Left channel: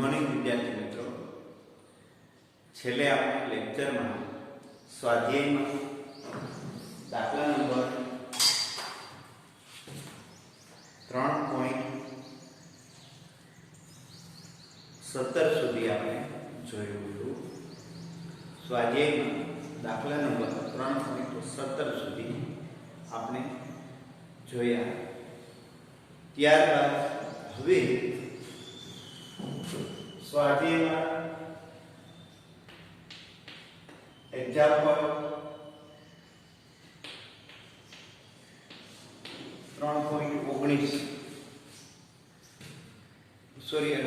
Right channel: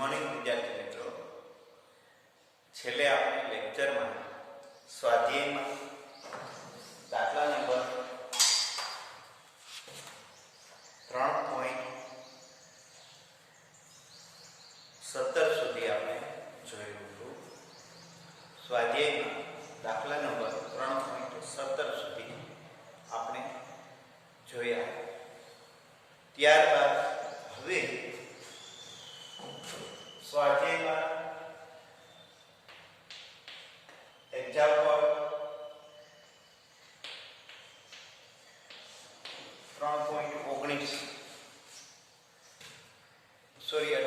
Morning વિદ્યાર્થી મિત્રો, છેલ્લે આપણે લેક્ચરમાં સ્વાધ્યાયમાં દાખલા નંબર 3.17 સુધી આપણે જોયું હતું. સ્વાધ્યાયમાં દાખલા નંબર 3.17 સુધી આપણે જોયા. ત્યારબાદ હવે સ્વાધ્યાયમાં એક્ઝામ્પલ 3.19 સોરી 18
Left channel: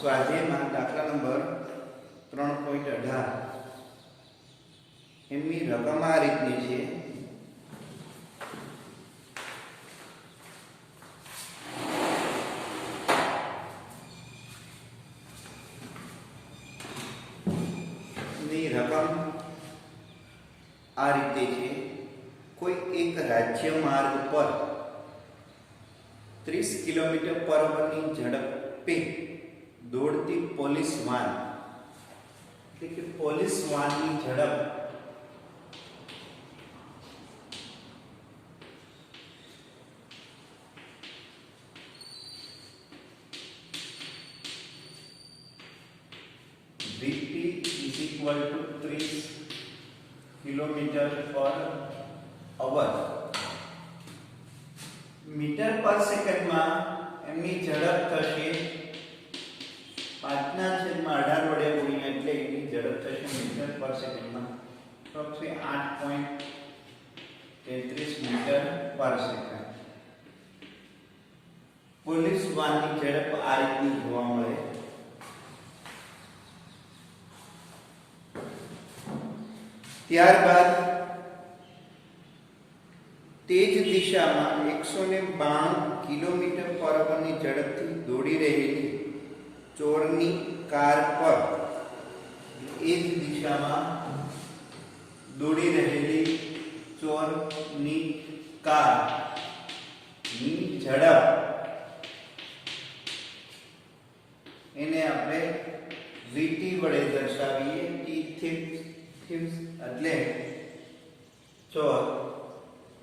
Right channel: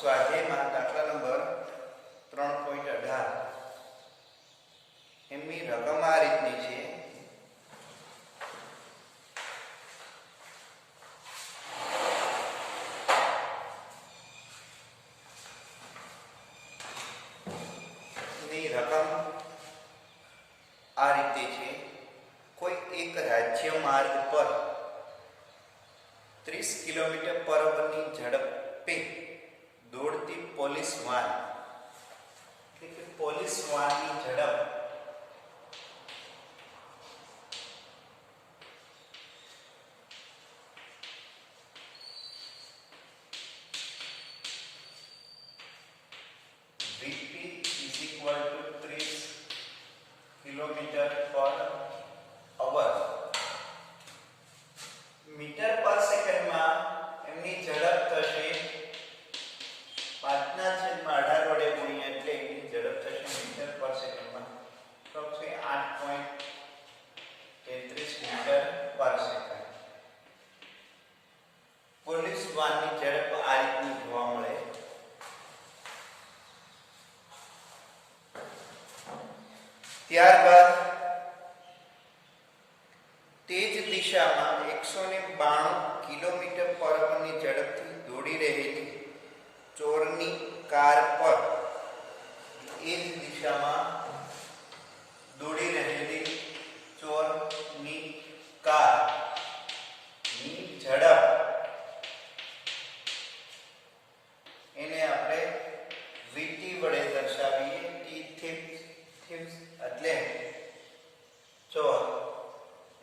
સ્વાધ્યાયમાં દાખલા નંબર 3.18 એમની રકમ આ રીતની છે. રકમ આ રીતે છે. કોઈ એક રાજ્ય માર્ગ પર 30 કિલોમીટર પર અવરની ઝડપે દોડતી પોલીસ વાન, એટલે કે પોલીસ વાનની ઝડપ VP is equal to 30 kilometre પર અવર. મીટર પર સેકન્ડમાં એમની ઝડપ થશે 5/18 વડે ગુણ્યા એટલે એની ઝડપ થશે મીટર પર સેકન્ડમાં અપ્રોક્સિમેટ 8.33 મીટર પર સેકન્ડ. પોલીસ વાનની ઝડપ આ રીતની જોવા મળે. ત્યારબાદ તે જ દિશામાં 192 કિલોમીટર પર અવરની ઝડપથી દોડી રહેલી ચોરની કાર પર, એ જ દિશામાં દોડી રહેલી ચોરની કારની ઝડપ એને આપણે VT વડે દર્શાવીએ. એટલે ચોર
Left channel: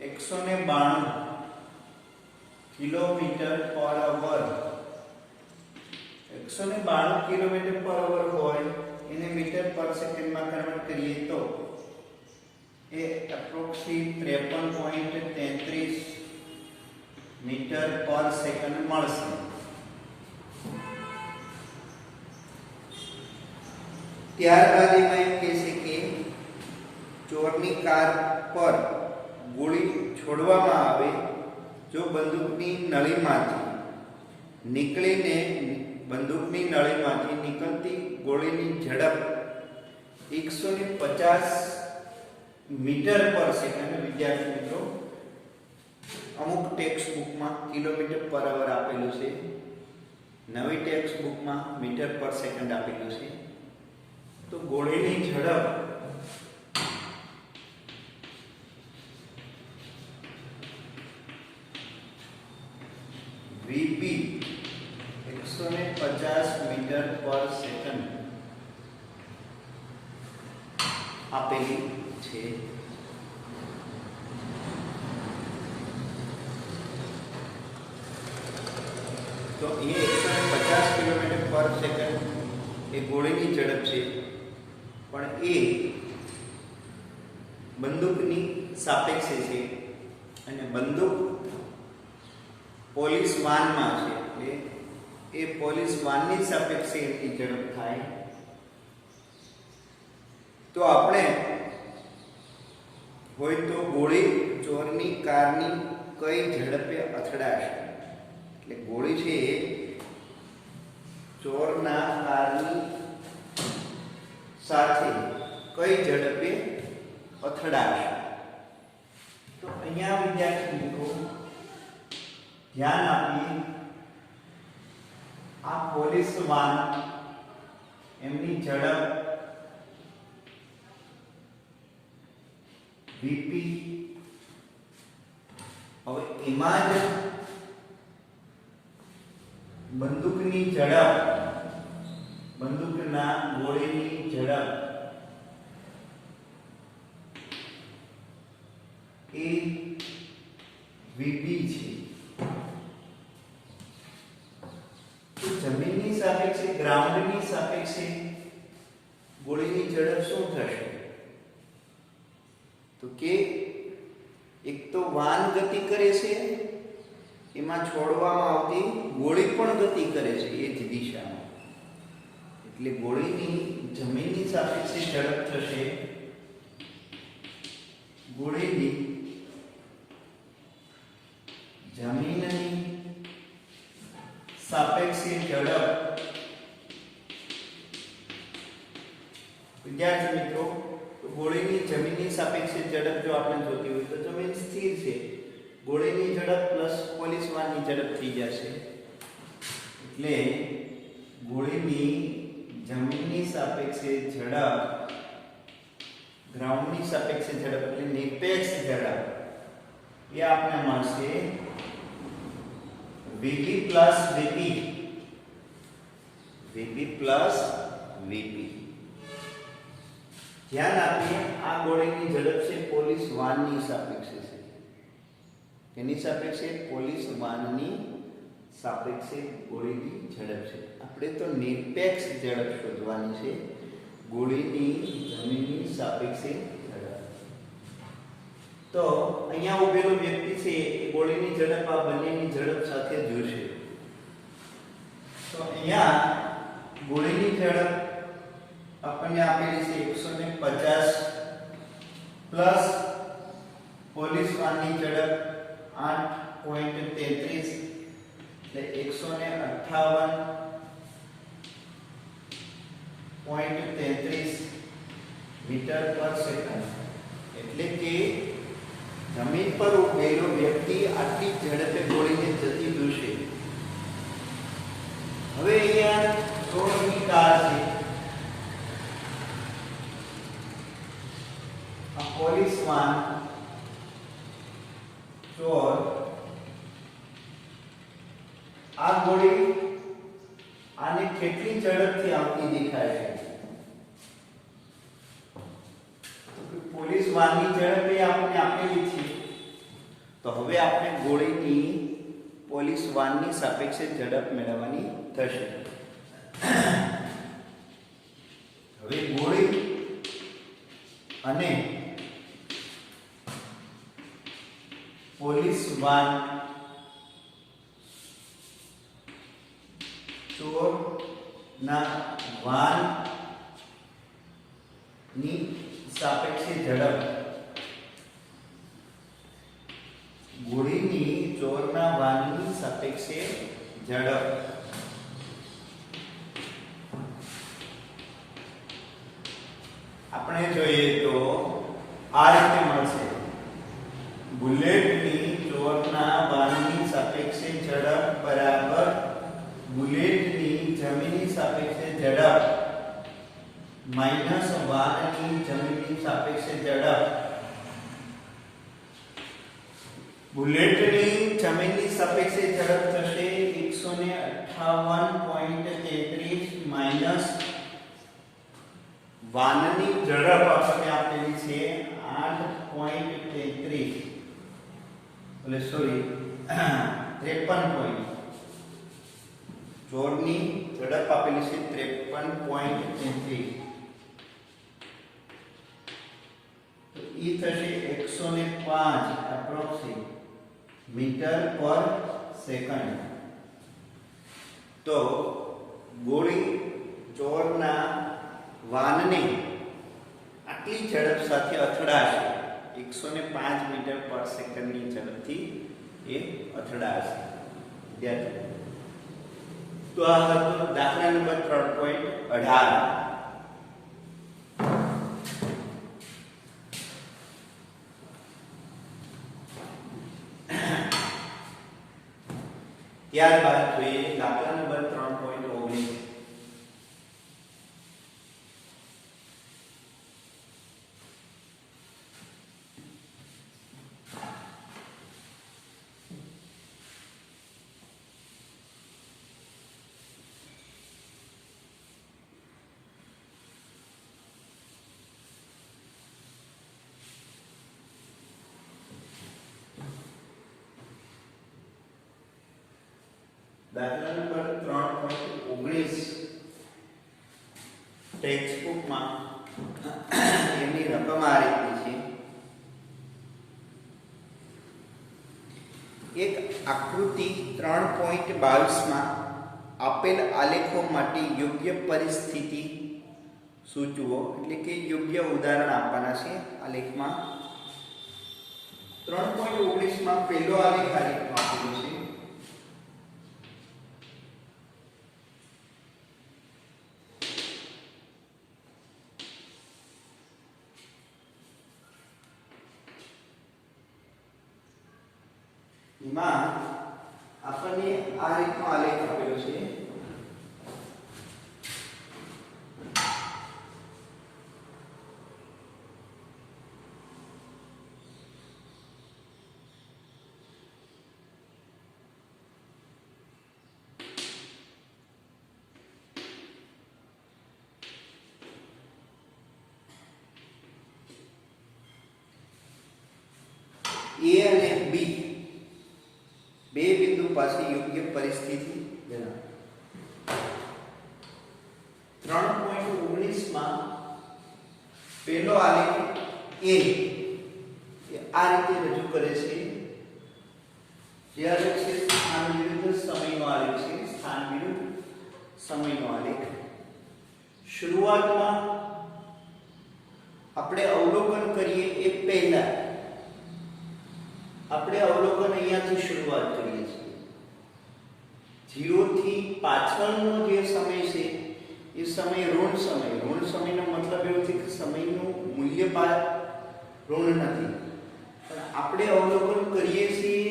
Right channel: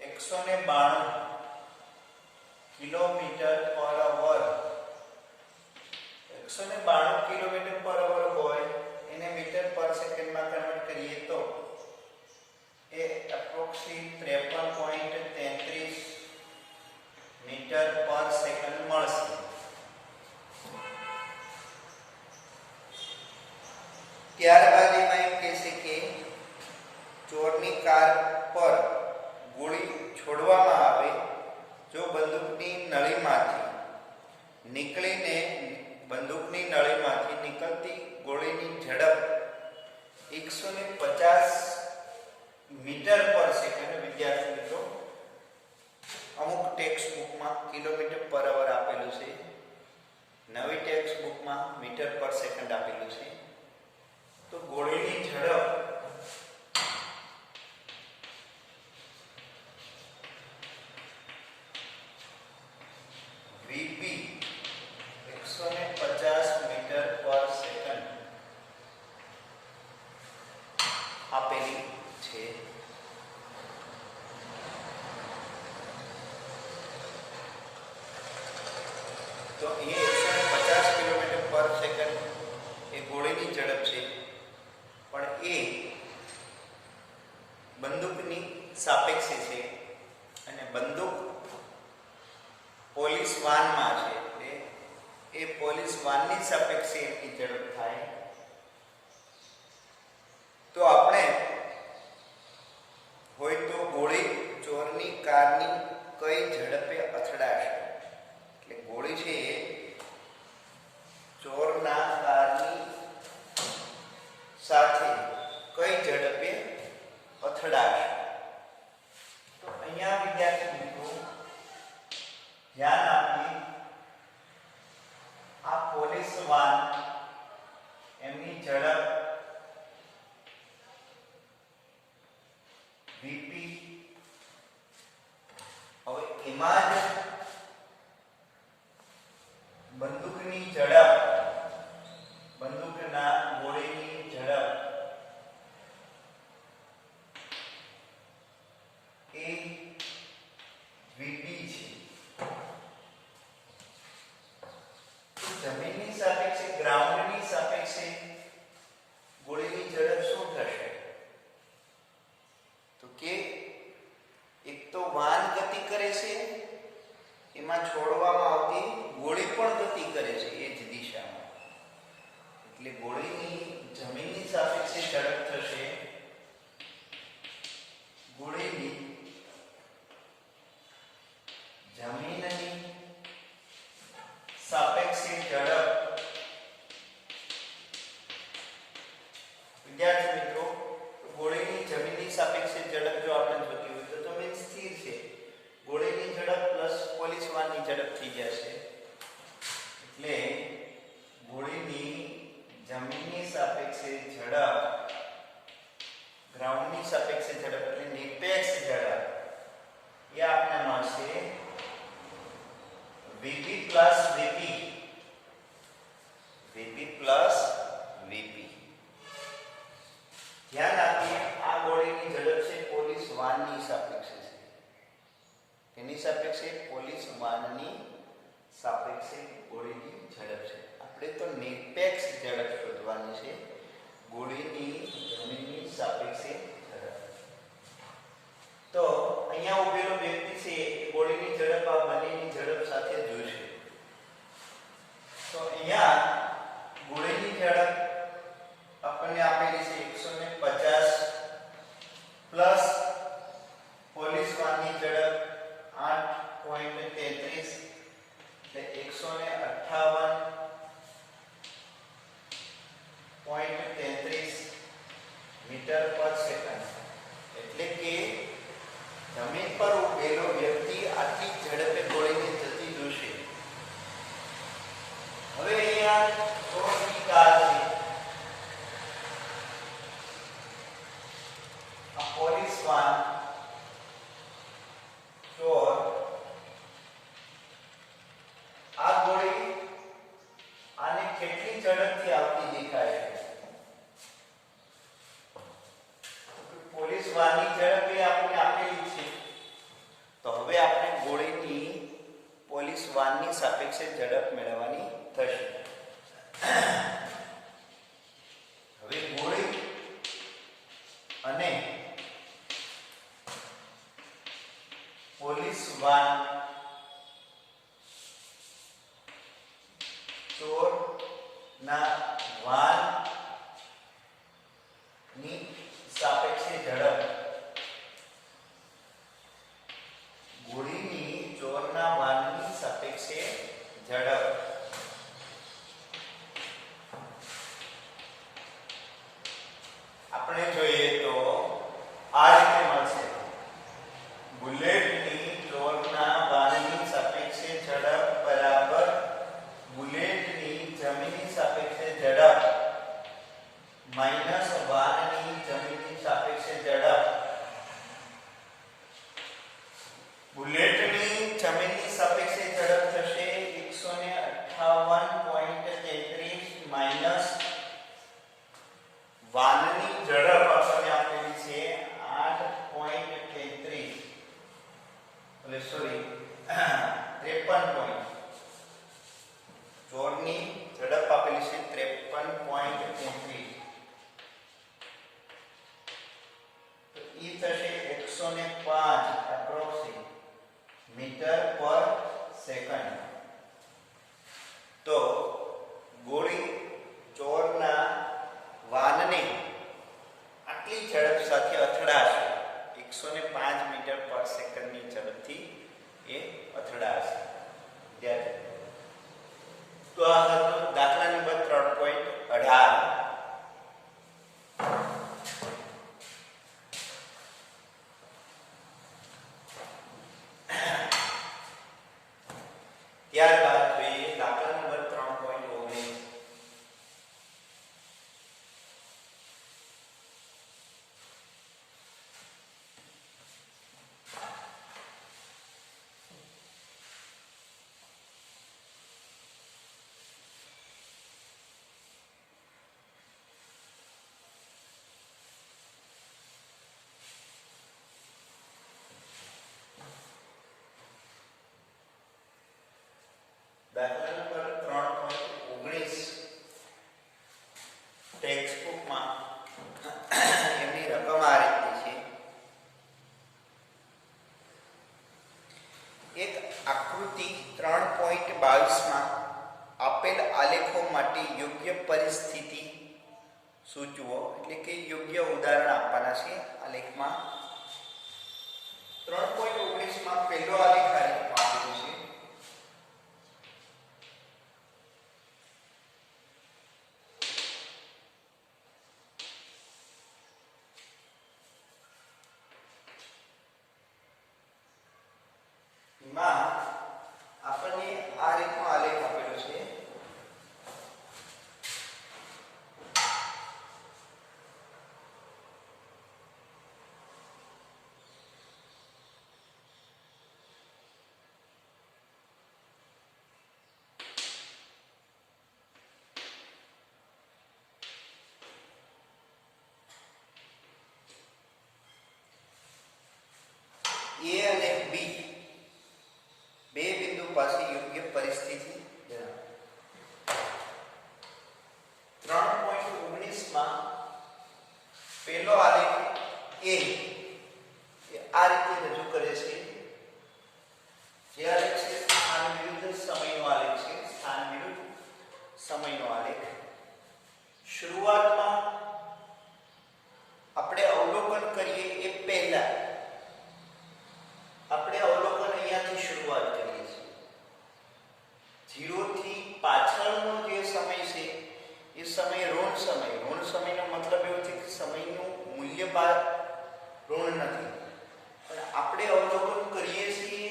192 કિલોમીટર પર અવર, 192 કિલોમીટર પર અવર હોય એને મીટર પર સેકન્ડમાં કન્વર્ટ કરીએ તો એ એપ્રોક્સિમેટ 53.33 મીટર પર સેકન્ડ મળશે. ત્યારબાદ એમાં એમ કહેશે કે ચોરની કાર પર ગોળી છોડવામાં આવે જો બંદૂકની નળીમાંથી નીકળતી ગોળીની ઝડપ 150 મીટર પર સેકન્ડ. વિદ્યાર્થી મિત્રો, અમુક ટેક્સ્ટ બુકમાં કિલોમીટર પર અવર આપેલું છે, નવી ટેક્સ્ટ બુકમાં મીટર પર સેકન્ડ આપેલું છે. તો ગોળીની ઝડપ VP 150 મીટર પર સેકન્ડ આપેલી છે. તો એ 150 કિલોમીટર પર સેકન્ડ એ ગોળીની ઝડપ છે, પણ એ બંદૂકની સાપેક્ષે છે અને બંદૂક પોલીસ વાનમાં છે એટલે એ પોલીસ વાનની સાપેક્ષે એની ઝડપ થાય. તો આપણે હોય તો ગોળી ચોરની કારની કઈ ઝડપે અથડાશે, એટલે ગોળી છે એ ચોરના કારની સાથે કઈ ઝડપે અથડાશે. તો અહીંયા વિદ્યાર્થી મિત્રો ધ્યાન આપીએ. આ પોલીસ વાન એમની ઝડપ VP હવે એમાં જ બંદૂકની ઝડપ, બંદૂકના ગોળીની ઝડપ એ વીબી છે. તો જમીનની સાપેક્ષે, ગ્રાઉન્ડની સાપેક્ષે ગોળીની ઝડપ શું થશે? તો કે એક તો વાન ગતિ કરે છે, એમાં છોડવામાં આવતી ગોળી પણ ગતિ કરે છે એ જ દિશામાં. એટલે ગોળીની જમીનની સાપેક્ષે ઝડપ થશે, ગોળીની જમીનની સાપેક્ષે ઝડપ. વિદ્યાર્થી મિત્રો, ગોળીની જમીનની સાપેક્ષે ઝડપ જો આપણે જોતી હોય તો જમીન સ્થિર છે, ગોળીની ઝડપ પ્લસ પોલીસ વાનની ઝડપ થઈ જશે. એટલે ગોળીની જમીનની સાપેક્ષે ઝડપ, ગ્રાઉન્ડની સાપેક્ષે ઝડપ એટલે નિરપેક્ષ ઝડપ એ આપને મળશે Vp plus Vp, Vp plus Vp. ધ્યાન આપીએ, આ ગોળીની ઝડપ છે પોલીસ વાનની સાપેક્ષે છે. તેની સાપેક્ષે પોલીસ વાનની સાપેક્ષે ગોળીની ઝડપ છે. આપણે તો નિરપેક્ષ ઝડપ શોધવાની છે, ગોળીની જમીનની સાપેક્ષે ઝડપ. તો અહીંયા ઉભેલો વ્યક્તિ છે એ ગોળીની ઝડપ આ બંનેની ઝડપ સાથે જોશે. તો અહીંયા ગોળીની ઝડપ આપણને આપેલી છે 150 પ્લસ પોલીસ વાનની ઝડપ 8.33 એટલે 158.33 મીટર પર સેકન્ડ. એટલે કે જમીન પર ઉભેલો વ્યક્તિ આટલી ઝડપે ગોળીને જતી જોશે. હવે અહીંયા ચોરની કાર છે, આ પોલીસ વાન ચોર, આ ગોળી આને કેટલી ઝડપથી આવતી દેખાય છે? પોલીસ વાનની ઝડપ એ આપણે આપેલી છે. તો હવે આપણે ગોળીની પોલીસ વાનની સાપેક્ષે ઝડપ મેળવવાની થશે. હવે ગોળી અને પોલીસ વાન ચોર ના વાન ની સાપેક્ષે ઝડપ, ગોળીની ચોરના વાનની સાપેક્ષે ઝડપ. આપણે જોઈએ તો આ રીતે મળશે. બુલેટની ચોરના વાનની સાપેક્ષે ઝડપ બરાબર બુલેટની જમીનની સાપેક્ષે ઝડપ માઈનસ વાનની જમીનની સાપેક્ષે ઝડપ. બુલેટની જમીનની સાપેક્ષે ઝડપ થશે 158.33 માઈનસ વાનની ઝડપ આપણને આપેલી છે 8.33 એટલે સોરી 53 ચોરની ઝડપ આપેલી છે 53.33. તો ઈ થશે 105 એપ્રોક્સિમેટ મીટર પર સેકન્ડ. તો ગોળી ચોરના વાનને આટલી ઝડપ સાથે અથડાશે, 105 મીટર પર સેકન્ડની ઝડપથી એ અથડાશે. તો આ હતો દાખલા નંબર 3.18. ત્યારબાદ જોઈએ દાખલા નંબર 3.19. દાખલા નંબર 3.19 ટેક્સ્ટ બુકમાં એની રકમ આ રીતની છે. એક આકૃતિ 3.22 માં આપેલ આલેખો માટે યોગ્ય પરિસ્થિતિ સૂચવો, એટલે કે યોગ્ય ઉદાહરણ આપવાના છે આલેખમાં. 3.19 માં પહેલો આલેખ આલેખમાં આપેલો છે. એમાં આપણને આ રીતનો આલેખ આપેલો છે. A અને B બે બિંદુ પાસે યોગ્ય પરિસ્થિતિ જણાવો. 3.19 માં પહેલો આલેખ A એ આ રીતે રજૂ કરે છે. જે આલેખ છે સ્થાન વિરુદ્ધ સમયનો આલેખ છે. સ્થાન વિરુદ્ધ સમયનો આલેખ. શરૂઆતમાં આપણે અવલોકન કરીએ એ પહેલા આપણે અવલોકન અહીંયાથી શરૂઆત કરીએ છીએ. 0 થી પાછળનો જે સમય છે એ સમય ઋણ સમય. ઋણ સમયનો મતલબ એવો છે કે સમયનું મૂલ્ય ઋણ નથી, પણ આપણે અવલોકન કરીએ છીએ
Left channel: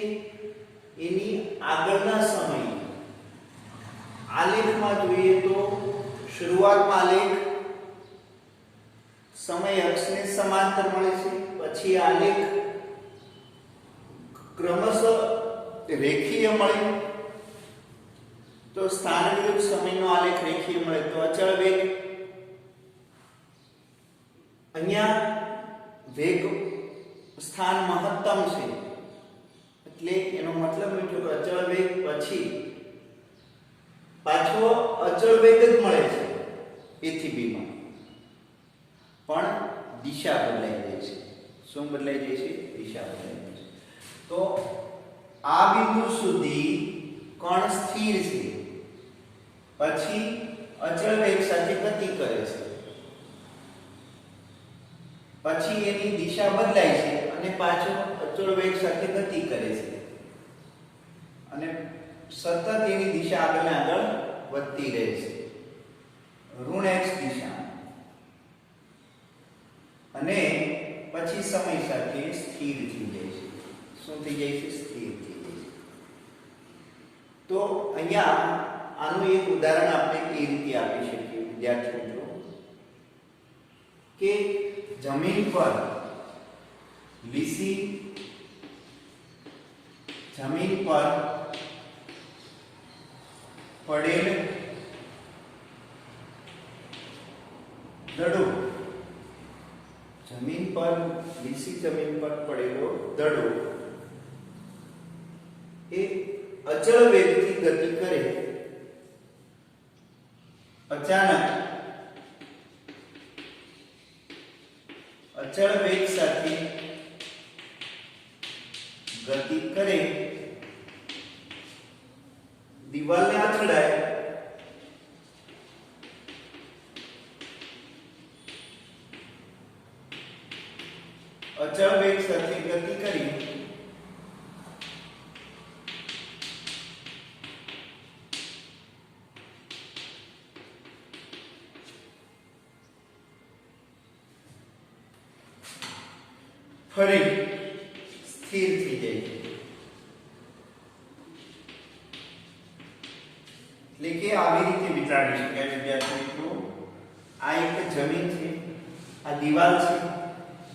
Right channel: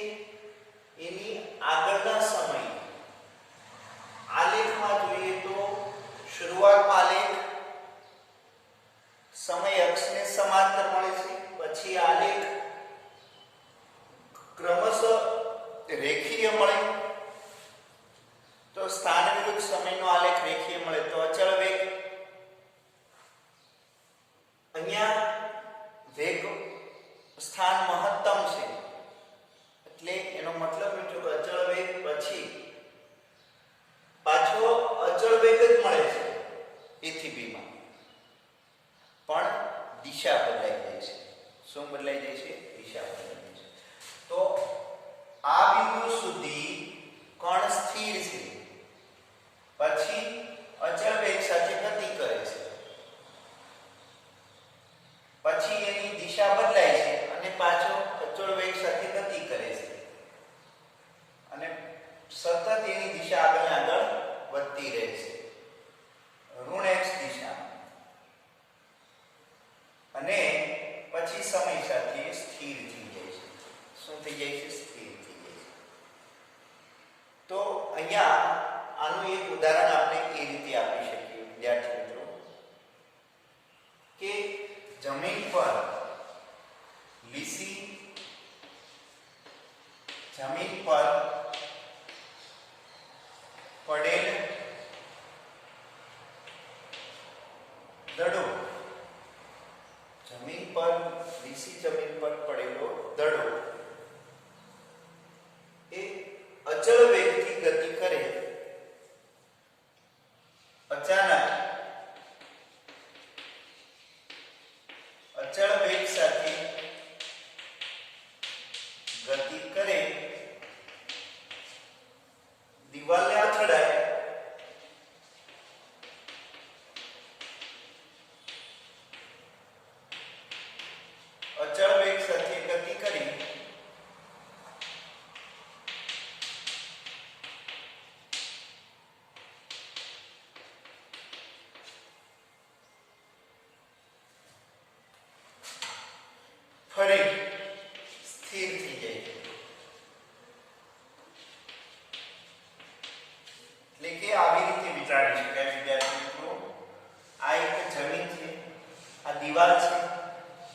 એની આગળના સમય. આલેખમાં જોઈએ તો શરૂઆતમાં આલેખ સમય અક્ષને સમાંતર મળે છે, પછી આલેખ ક્રમશઃ રેખીય મળે, તો સ્થાન વિરુદ્ધ સમયનો આલેખ રેખીય મળે તો અચળ વેગ. અહીંયા વેગ સ્થાન મહત્તમ છે, એટલે એનો મતલબ એ છે કે અચળ વેગ પછી પાછો અચળ વેગ જ મળે છે A થી B માં, પણ દિશા બદલાઈ જાય છે. શું બદલાઈ જાય છે? દિશા બદલાઈ જાય છે. તો આ બિંદુ સુધી કણ સ્થિર છે, પછી અચળ વેગ સાથે ગતિ કરે છે, પછી એની દિશા બદલાય છે અને પાછો અચળ વેગ સાથે ગતિ કરે છે, અને સતત એની દિશા આગળ ને આગળ વધતી રહે છે ઋણ x દિશામાં, અને પછી સમય સાથે સ્થિર થઈ જાય છે. શું થઈ જાય છે? સ્થિર થઈ જાય છે. તો અહીંયા આનું એક ઉદાહરણ આપણે એ રીતે આપી શકીએ વિદ્યાર્થી મિત્રો, કે જમીન પર લીસી જમીન પર પડેલ દડો, જમીન પર લીસી જમીન પર પડેલો દડો એ અચળ વેગથી ગતિ કરે, અચાનક અચળ વેગ સાથે ગતિ કરે, દિવાલને અથડાય, અચળ વેગ સાથે ગતિ કરી ફરી સ્થિર થઈ જાય. એટલે કે આવી રીતે વિચારી શકાય વિદ્યાર્થી મિત્રો, આ એક જમીન છે, આ દિવાલ છે,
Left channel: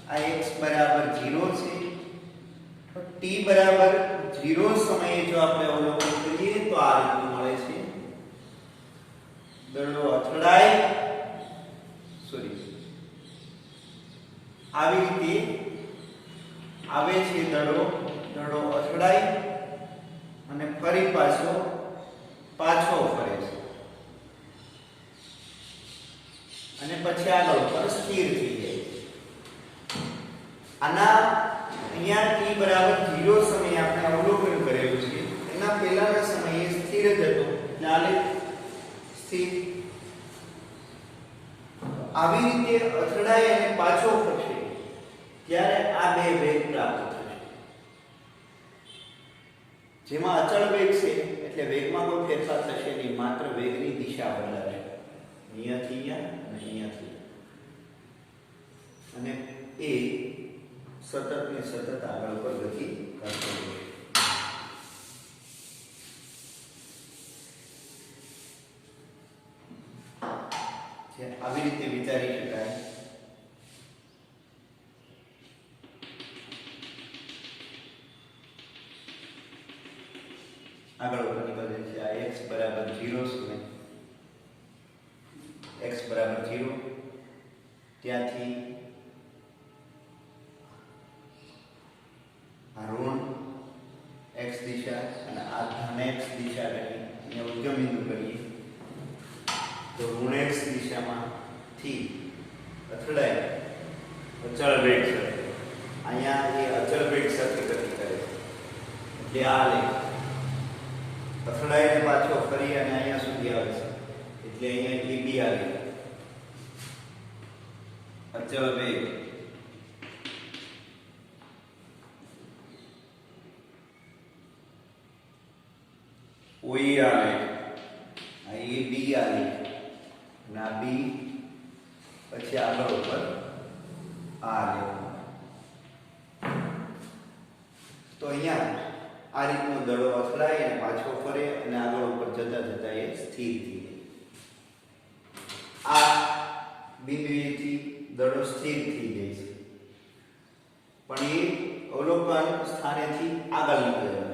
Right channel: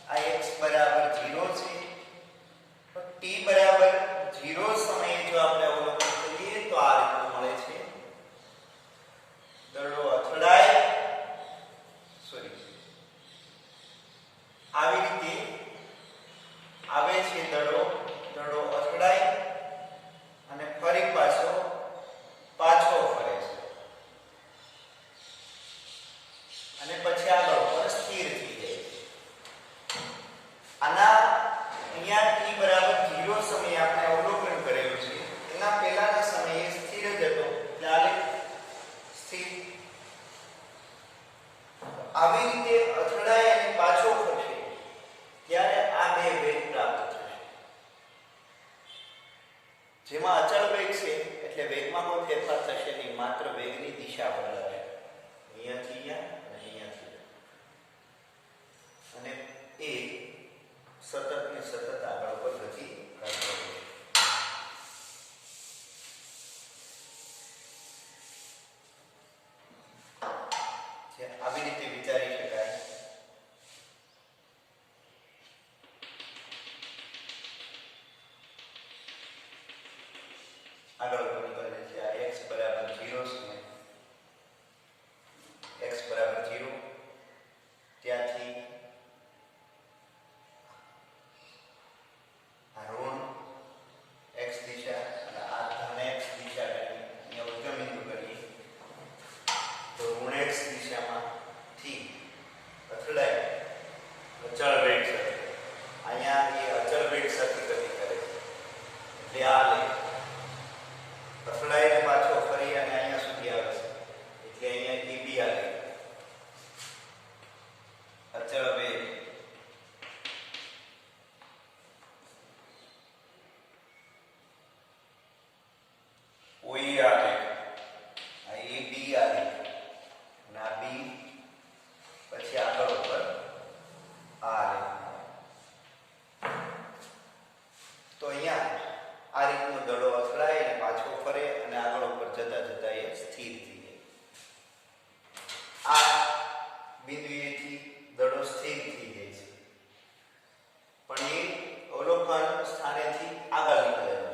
આ x બરાબર 0 છે, t બરાબર 0 સમયે જો આપણે અવલોકન કરીએ તો આ રીતનું મળે છે. દડો અથડાય, આવી રીતે આવે છે દડો, દડો અથડાય અને ફરી પાછો પાછો ફરે છે અને પછી આગળ ઉપર સ્થિર થઈ જાય છે. આના અહીંયા t બરાબર 0 સમયે આપણે અવલોકન કરેલું છે. એના પહેલાના સમયે સ્થિર જ હતો એટલે આલેખ સ્થિર. આવી રીતે અથડાય અને પાછો ફરશે ત્યારે આ બે વેગ પ્રાપ્ત થશે. જેમાં અચળ વેગ છે એટલે વેગમાં કોઈ ફેરફાર થશે નહીં, માત્ર વેગની દિશા બદલાશે. અહીંયાથી અહીંયા અને અહીંયાથી, અને એ સતત ને સતત આગળ ઉપર ગતિ કરતો રહે. આવી રીતે વિચારી શકાય. આગળ ઉપર નીકળે છે. આ x બરાબર 0 છે, x બરાબર 0, ત્યાંથી આ ઋણ x દિશા અને આ ધન x દિશા કરી અહીંયા ઉદ્ગમ બિંદુ કરીએ તો ઋણ x દિશામાંથી અથડાય અચળ વેગ સાથે. અહીંયા એ અચળ વેગ સાથે ગતિ કરે છે એટલે આ લેખ અથડાય ને પાછો ફરી અને અહીંયા સુધી આવે છે એટલે અહીંયા AB આવે. અચળ વેગ OE આવે, આ AB આવે, ના B, પછી આગળ ઉપર આ લેખ. તો અહીંયા આ રીતનો દડો અથડાય અને પાછો ફરે અને આગળ ઉપર જતા જતા એ સ્થિર થઈ જાય. આ બિંદુએથી દડો સ્થિર થઈ જાય છે, પણ એ અવલોકન સ્થાનેથી આગળ નીકળેલો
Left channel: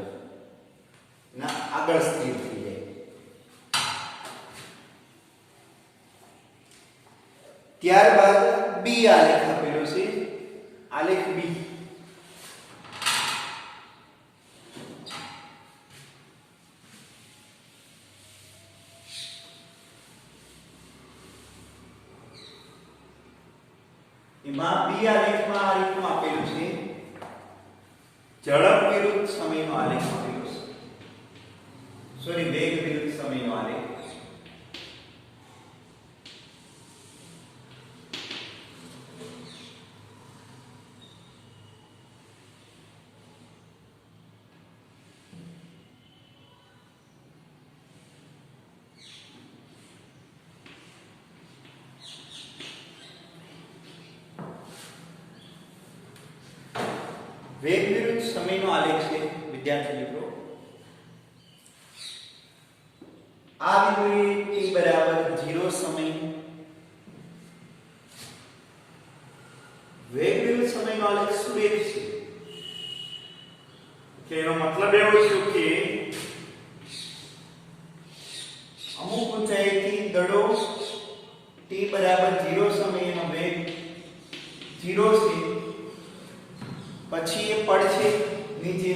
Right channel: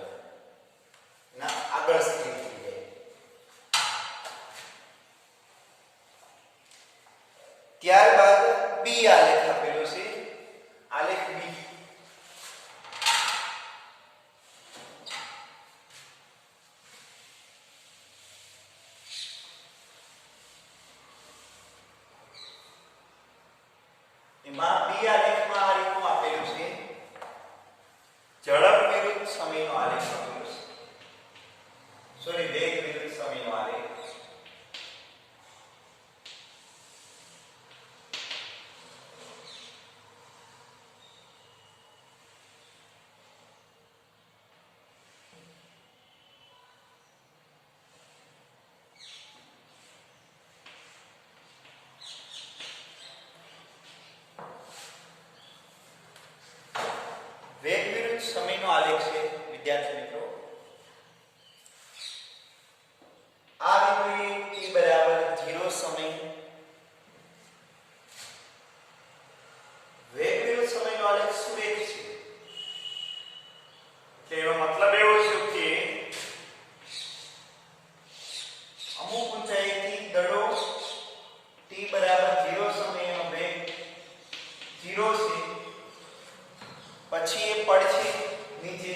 ના આગળ સ્થિર થઈ જાય. ત્યારબાદ B આલેખ આપેલો છે. આલેખ B એમાં B આલેખમાં આ રીતનું આપેલું છે. ઝડપ વિરુદ્ધ સમયનો આલેખ આપેલો છે. સોરી, વેગ વિરુદ્ધ સમયનો આલેખ. વેગ વિરુદ્ધ સમયનો આલેખ છે વિદ્યાર્થી મિત્રો. આ બિંદુએ t બરાબર 0 સમય વેગ વિરુદ્ધ સમયનો આલેખ સુરેખ છે. કે એનો મતલબ એવો છે કે અમુક ઊંચાઈથી દડો t બરાબર 0 સમયનો વેગ 0 છે, પછી એ પડશે નીચે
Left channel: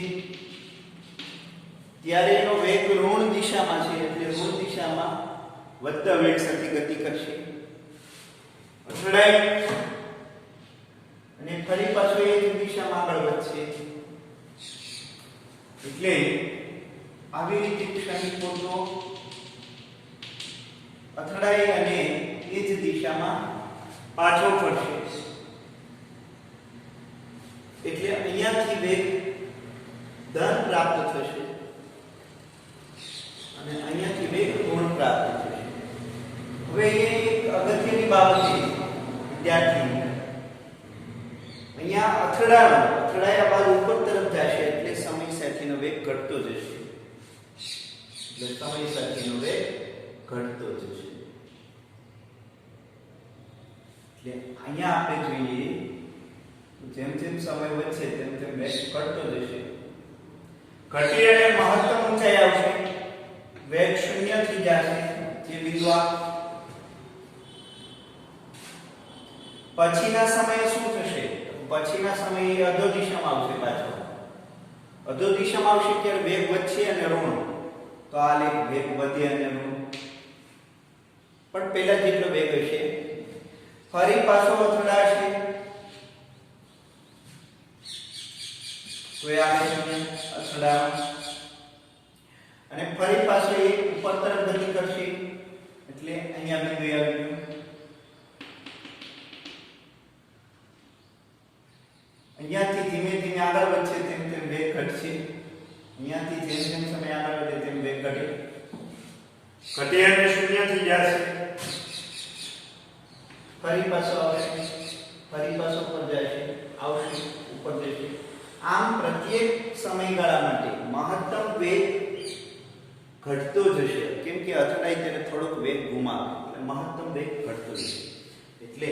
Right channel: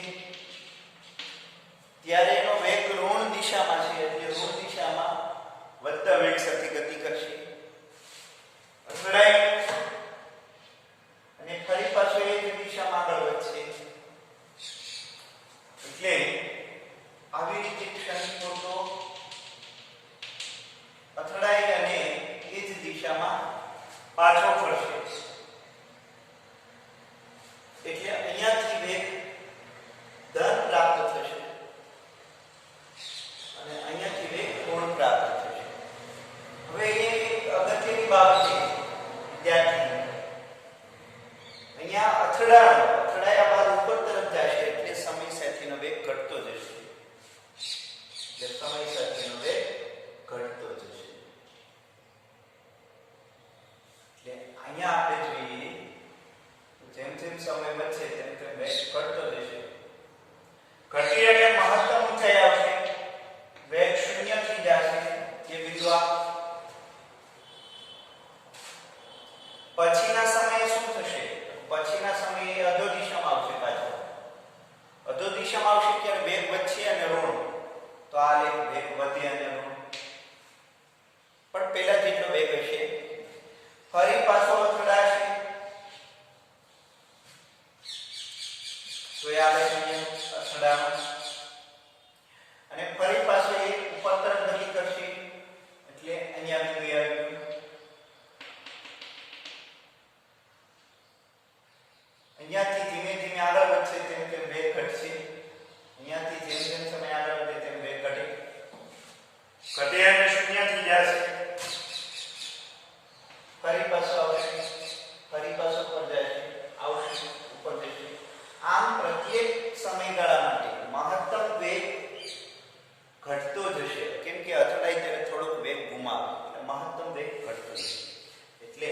ત્યારે એનો વેગ ઋણ દિશામાં છે એટલે ઋણ દિશામાં વધતા વેગ સાથે ગતિ કરશે. અથડાય અને ફરી પાછો એ જ દિશામાં આગળ વધશે. એટલે આવી રીતે ક્ષણિક પોતો અથડાય અને એ જ દિશામાં પાછો ફરશે. એટલે અહીંયાથી વેગ ધન પ્રાપ્ત થશે અને અહીંયાથી વેગ ઋણ પ્રાપ્ત થશે. હવે એ એક અગત્યની બાબત છે વિદ્યાર્થી. અહીંયા અથડાયા બાદ ઉપર તરફ જશે એટલે સમય સાથેનો વેગ ઘટતો જશે. એટલે સમય સાથેનો વેગ ઘટતો જશે. એટલે અહીંયા આપણે જોઈએ જેમ જેમ સમય વધશે તેમ તેમ વેગ ઘટતો જશે. ઘટી અને મહત્તમ ઊંચાઈ આવશે, વેગ 0 થઈ જશે. જે વિધવા પછીના સમયે શું થશે? પછીના સમયે અધો દિશામાં આવશે. પાછો અધો દિશામાં આવશે ત્યારે વેગ વધશે અને ઋણ તો આ લેખ વેગ વધે અને ઋણ પણ પહેલા જેટલો વેગ હશે. ફરી પાછો અથડાશે તો એ આ લેખ અથડાશે અને ફરી પાછો એ ઉપર તરફ ગતિ કરશે એટલે અહીંયા બિંદુ આવી ગયું. અહીંયાથી ધીમે ધીમે આગળ વધશે તેમ તેમ વેગ ઘટશે. અહીંયાથી જેમ જેમ સમય આગળ વધે તેમ વેગ ઘટે અને શૂન્ય થઈ જશે. ફરી પાછો આવશે, ફરી પાછો ઉપર જશે, આવશે, ઉપર જશે. આમ પ્રત્યેક સમયગાળા માટે મહત્તમ વેગ ઘટતો જશે કેમ કે અથડાઈ ત્યારે થોડોક વેગ ગુમાવે એટલે મહત્તમ વેગ ઘટતો જશે. એટલે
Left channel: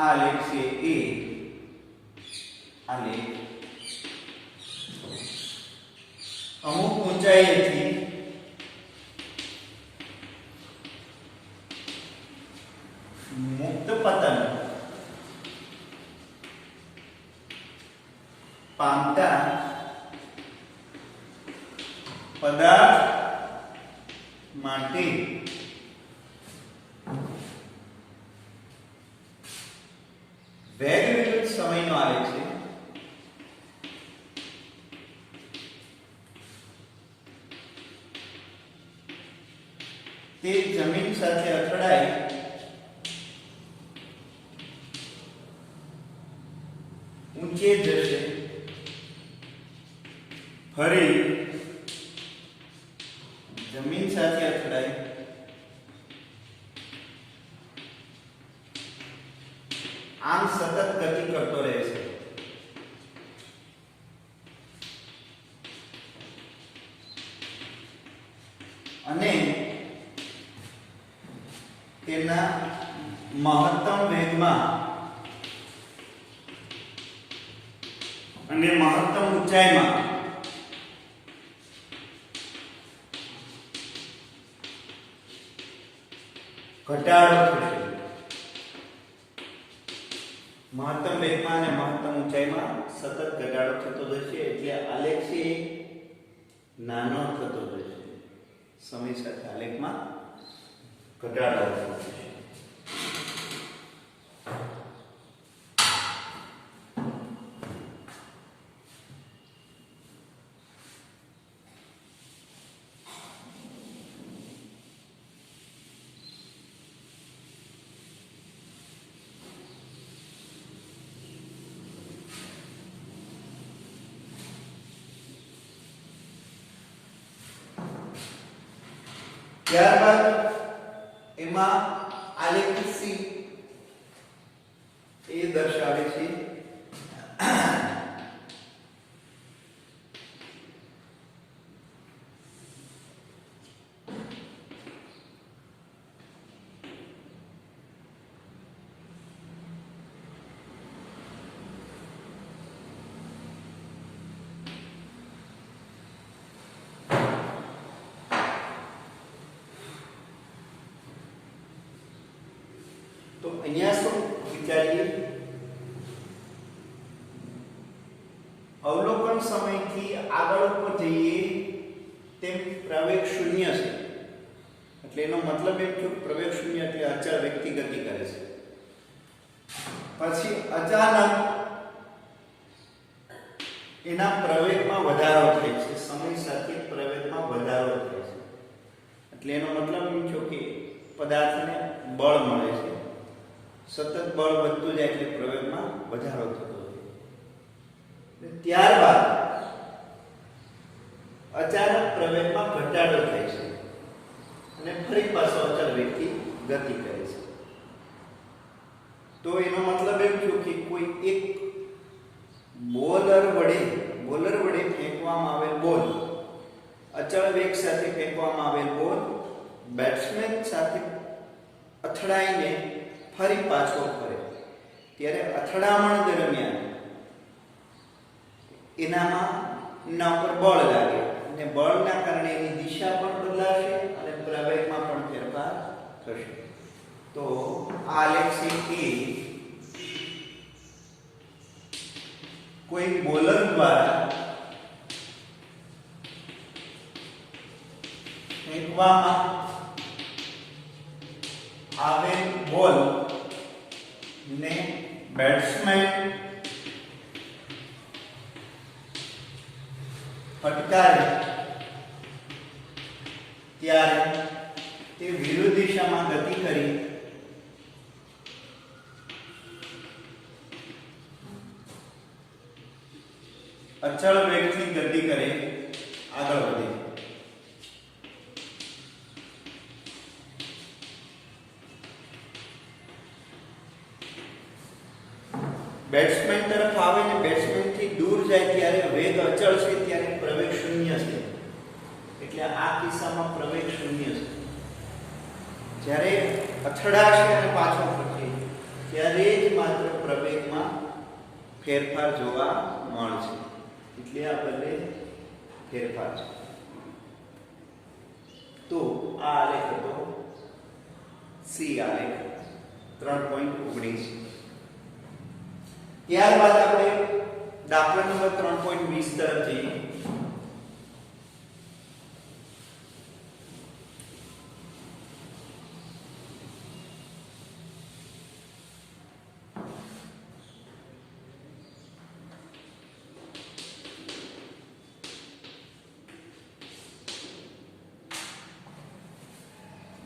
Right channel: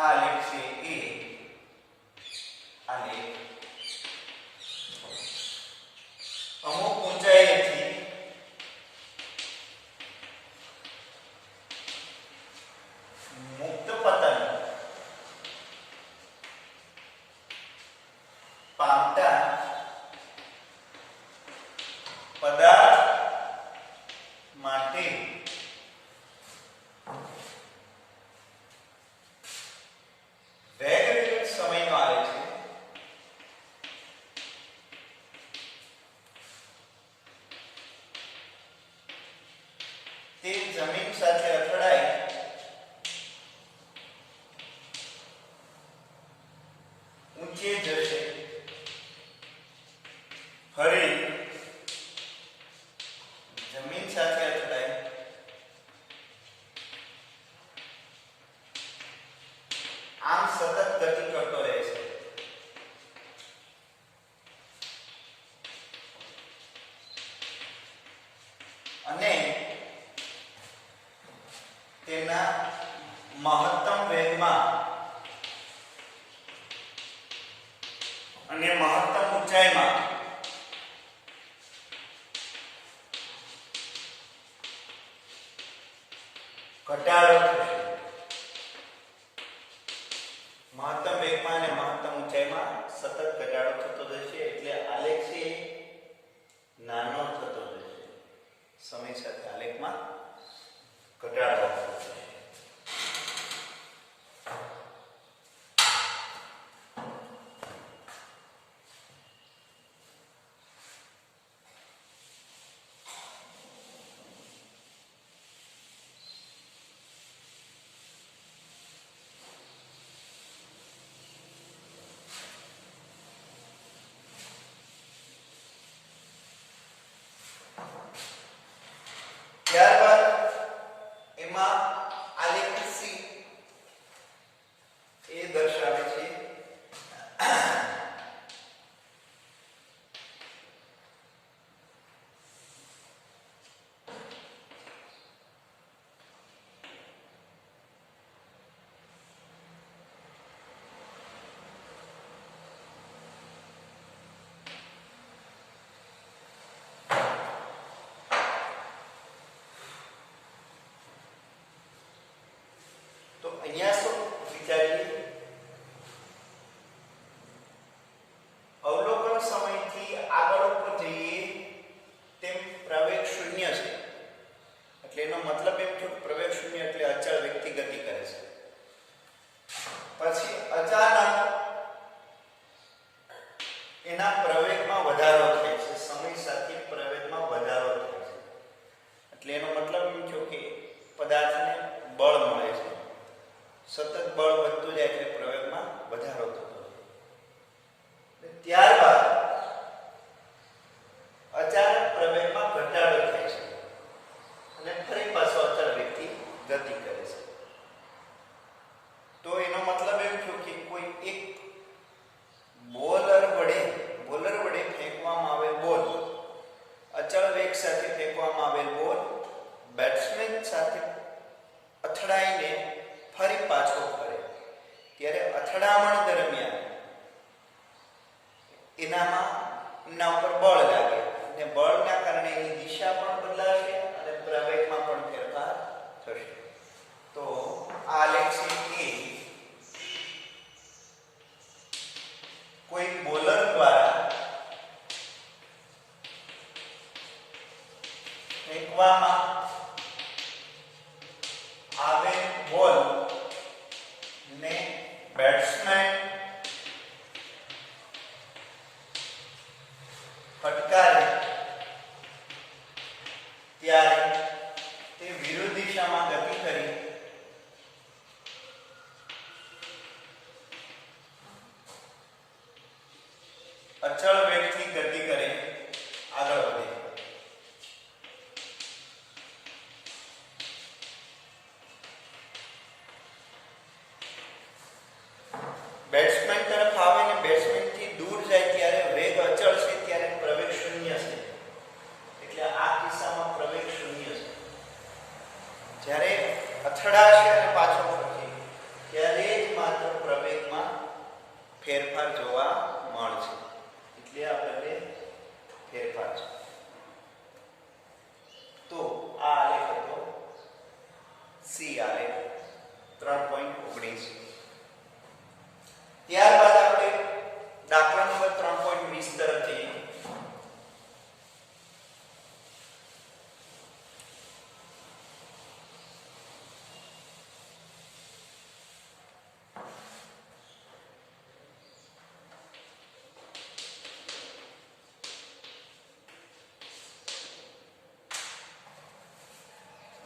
આ લેખ છે એ આ લેખ અમુક ઊંચાઈએથી મુક્ત પતન પામતા પદાર્થ માટે વેગ વિરુદ્ધ સમયનો આલેખ છે. તે જમીન સાથે અથડાય ઊંચે જશે, ફરી જમીન સાથે અથડાય આમ સતત ગતિ કરતો રહેશે. અને તેના મહત્તમ વેગમાં અને મહત્તમ ઊંચાઈમાં ઘટાડો થશે. મહત્તમ વેગમાં અને મહત્તમ ઊંચાઈમાં સતત ઘટાડો થતો જશે એટલે આલેખ છે નાનો થતો જશે. સમય સાથે આલેખમાં ઘટાડો થતો જશે. ત્યારબાદ એમાં આલેખ સી એ દર્શાવે છે તો અહીંયા શું વિચારીએ અવલોકન સમયથી આગળ ઉપર જઈએ તેમ પ્રવેગ શૂન્ય છે એટલે એનો મતલબ એમ કે પ્રવેગ શૂન્ય એટલે અચળ વ્યક્તિ ગતિ કરે છે. પછી અચાનક એના પ્રવેગમાં વધારો થાય છે, સમય સાથે પ્રવેગમાં વધારો થાય છે એટલે એનો મતલબ એમ થયો કે પદાર્થને બળ મળે છે. સતત બળ વધતું જાય એટલે પ્રવેગમાં વધારો થતો જાય. ત્યારબાદ અચાનક પ્રવેગમાં ઘટાડો થાય છે અને ફરી પાછો અચળ વ્યક્તિ ગતિ કરે છે. તો એનો મતલબ એમ થયો કે કોઈ એક બોલર વડે ફેંકવામાં આવેલ બોલ અચળ વેગ સાથે ફેંકવામાં આવેલ બોલ બેટ્સમેન સાથે અથડાઈને ફરી પાછો ફરે ત્યારે અથડામણ દરમિયાન એના ઉપર બળ લાગે અને બળના કારણે એની દિશા પણ બદલાશે અને પ્રવેગમાં પણ ફેરફાર થશે. તો આ આલેખ છે કોઈ બોલર દ્વારા મૂકવામાં આવે બોલ ને બેટ્સમેન ફટકારે ત્યારે તે વિરુદ્ધ દિશામાં ગતિ કરી અચળ વેગથી ગતિ કરે આગળ વધે. બેટ્સમેન તરફ આવે ને બેટ્સમેન થી દૂર જાય ત્યારે વેગ અચળ છે, ત્યારે પ્રવેગ શૂન્ય છે. એટલે આ કિસ્સામાં પ્રવેગ શૂન્ય છે. જ્યારે અથડાશે અને પાછો ફરશે ત્યારે જ માત્ર પ્રવેગમાં ફેરફાર જોવા મળશે. એટલે આ બધે ફેરફાર છે. તો આ આલેખ હતો સી આલેખ 3.19. ત્યારબાદ આપણે દાખલા નંબર 3.20 તરફ જઈએ.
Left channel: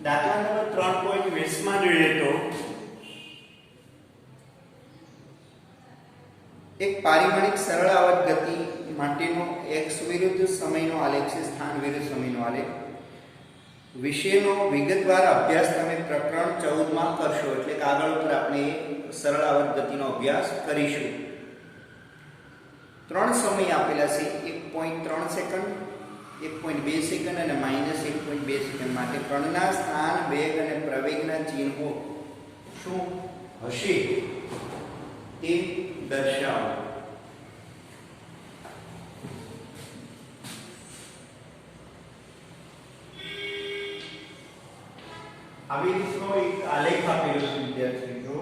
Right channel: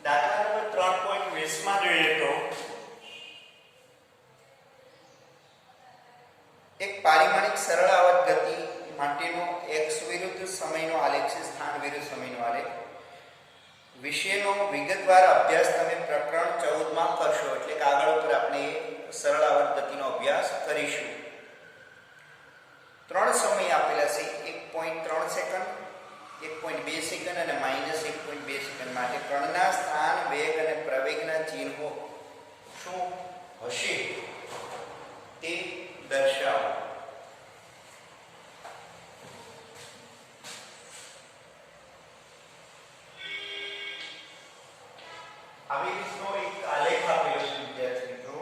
દાખલા નંબર 3.20 માં જોઈએ તો એક પારિમાણિક સરળ આવર્ત ગતિ માટેનો x વિરુદ્ધ સમયનો આલેખ છે, સ્થાન વિરુદ્ધ સમયનો આલેખ. વિષયનો વિગતવાર અભ્યાસ તમે પ્રકરણ 14 માં કરશો. એટલે કે આગળ ઉપર આપણે સરળ આવર્ત ગતિનો અભ્યાસ કરીશું. 3 સમય આપેલા છે, 1.3 સેકન્ડ, 1.2 સેકન્ડ અને -1.2 સેકન્ડ માટે કણના સ્થાન, વેગ અને પ્રવેગના ચિહ્નો શું હશે તે દર્શાવો. આવી રીતનો એક આલેખ આપેલો છે વિદ્યાર્થી મિત્રો.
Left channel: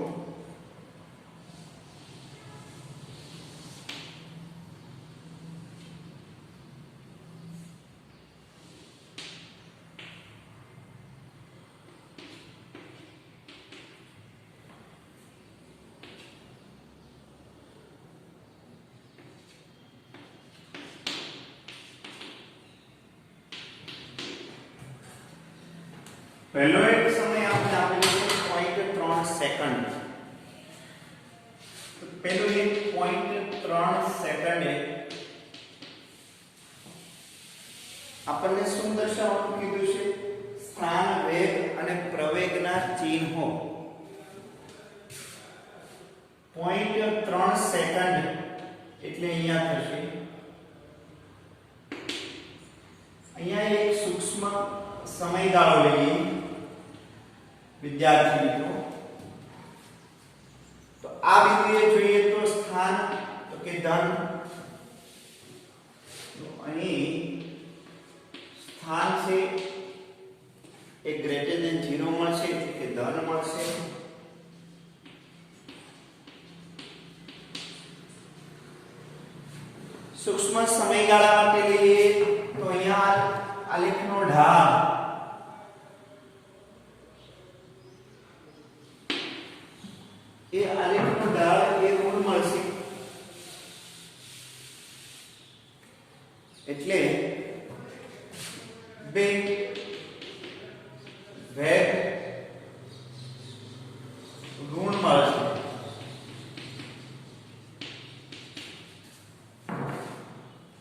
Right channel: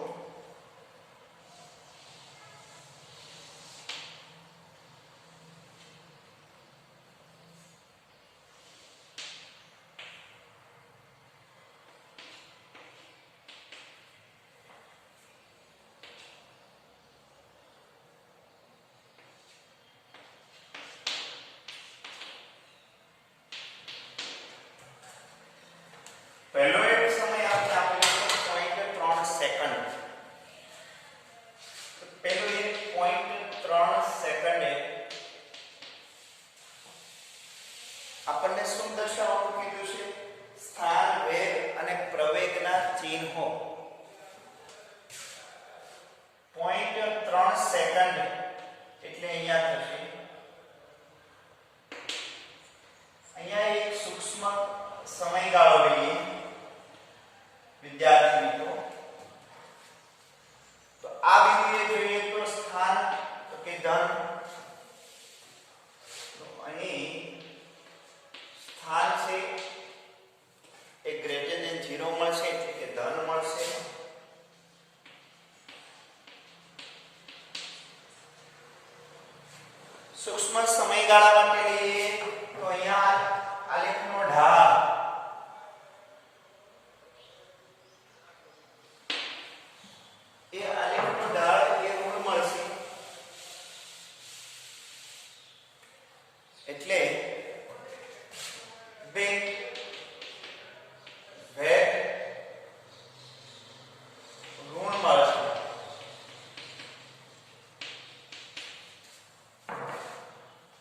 પહેલો એક સમય આપણે આપેલો છે 0.3 સેકન્ડ. તો પહેલો એક 0.3 સેકન્ડે આપણને શું દર્શાવવાનું કીધું છે? સ્થાન, વેગ અને પ્રવેગના ચિહ્નો. 0.3 સેકન્ડ એટલે અહીંયા થશે. અહીંયા એક સૂક્ષ્મ સમયગાળો લઈએ વિદ્યાર્થી મિત્રો. તો આ બિંદુએ જોઈએ તો સ્થાન તો કે ધન, તો અહીં સ્થાન છે એ ગ્રેટર ધેન 0 મળશે એટલે કે ધન મળશે. સૂક્ષ્મ સમયગાળા માટે લઈએ તો અહીંયા આલેખનો ઢાળ એ આલેખનો ઢાળ એ ઋણ મળશે. એટલે વેગ ઋણ મળશે.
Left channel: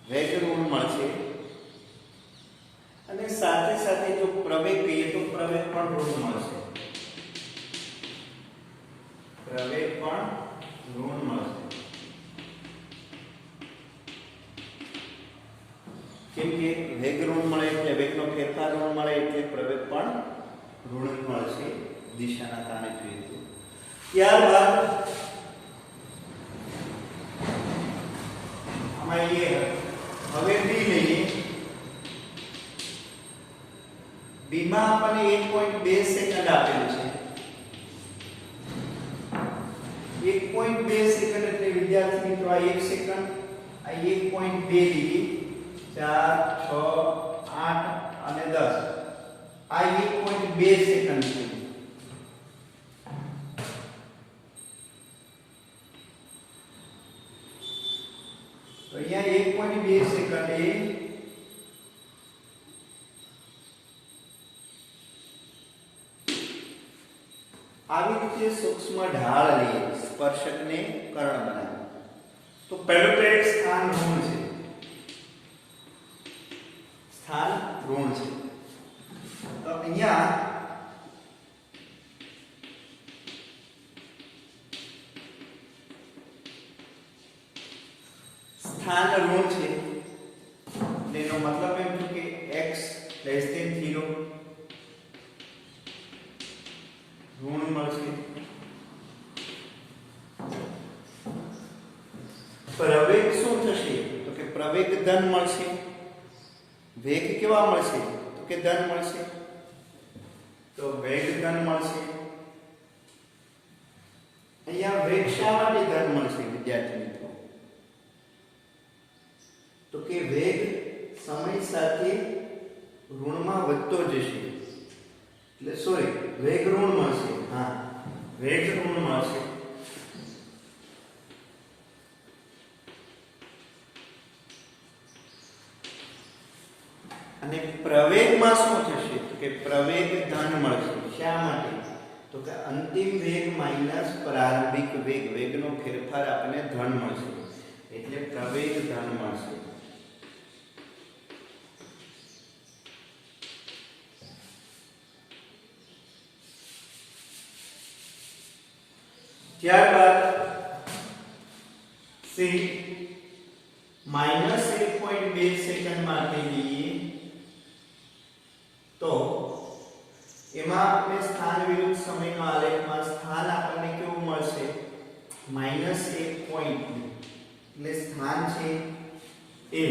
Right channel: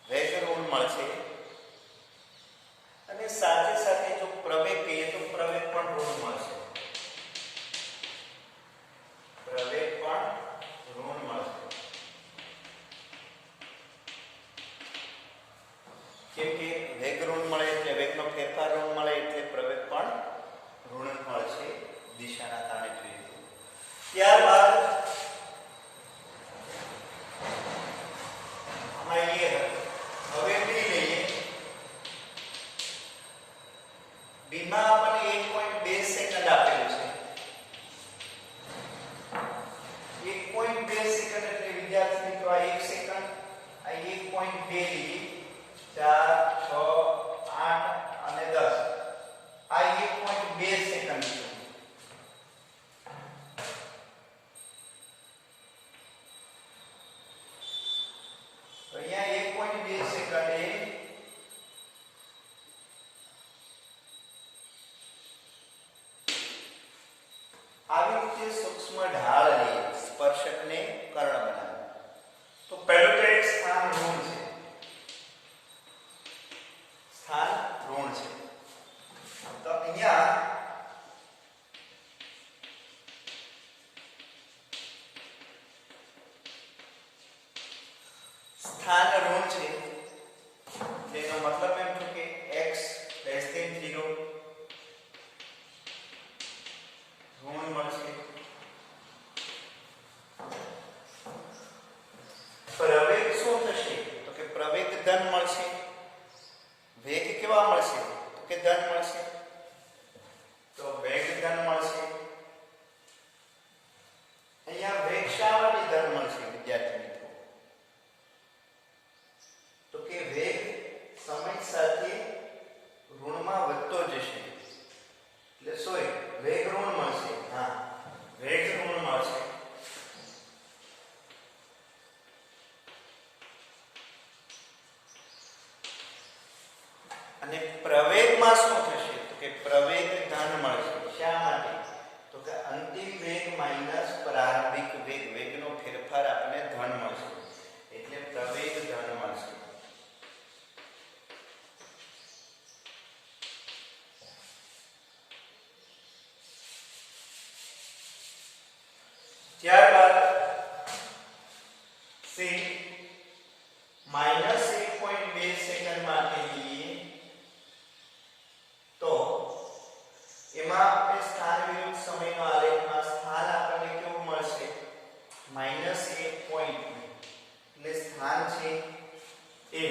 વેગ ઋણ મળશે અને સાથે સાથે જો પ્રવેગ કહીએ તો પ્રવેગ પણ ઋણ મળશે. પ્રવેગ પણ ઋણ મળશે. કેમ કે વેગ ઋણ મળે એટલે વેગનો ફેરફાર ઋણ મળે એટલે પ્રવેગ પણ ઋણ મળશે દિશાના કારણે જોઈએ તો. ત્યારબાદ અમારે હવે ડી લઈએ. ડી માં આપણને 1.2 સેકન્ડ આપેલું છે. 1.2 સેકન્ડ એટલે વિદ્યાર્થી મિત્રો આ 1 સેકન્ડ, આ 1.2 લઈએ. 4, 6, 8 અને 10. આ 1.2 સેકન્ડ છે. તો અહીંયા 1.2 સેકન્ડે આવી રીતે સૂક્ષ્મ ઢાળ લઈએ, સ્પર્શકને કર્ણ બનાવે. તો પહેલું તો એક સ્થાન ઋણ છે, સ્થાન ઋણ છે. તો અહીંયા સ્થાન ઋણ છે, એનો મતલબ એમ થયો કે x less than 0 ઋણ મળશે. પ્રવેગ શું થશે? તો કે પ્રવેગ ધન મળશે. વેગ કેવા મળશે? તો કે ધન મળશે. તો વેગ ધન મળશે. અહીંયા વેગ શા માટે ધન મળશે વિદ્યાર્થી મિત્રો? તો કે વેગ સમય સાથે ઋણમાં વધતો જશે. એટલે સોરી, વેગ ઋણ મળશે. હા, વેગ ઋણ મળશે. અને પ્રવેગમાં શું થશે? તો કે પ્રવેગ ધન મળશે. શા માટે? તો કે અંતિમ વેગ માઈનસ પ્રારંભિક વેગ, વેગનો ફેરફાર આપણને ધન મળશે. એટલે પ્રવેગ ધન મળશે. ત્યારબાદ સી -1.2 સેકન્ડ માટે લઈએ તો એમાં આપણે સ્થાન વિરુદ્ધ સમયનો આલેખમાં સ્થાન આપણને કેવું મળશે? -1 પોઈન્ટ. એટલે સ્થાન છે એ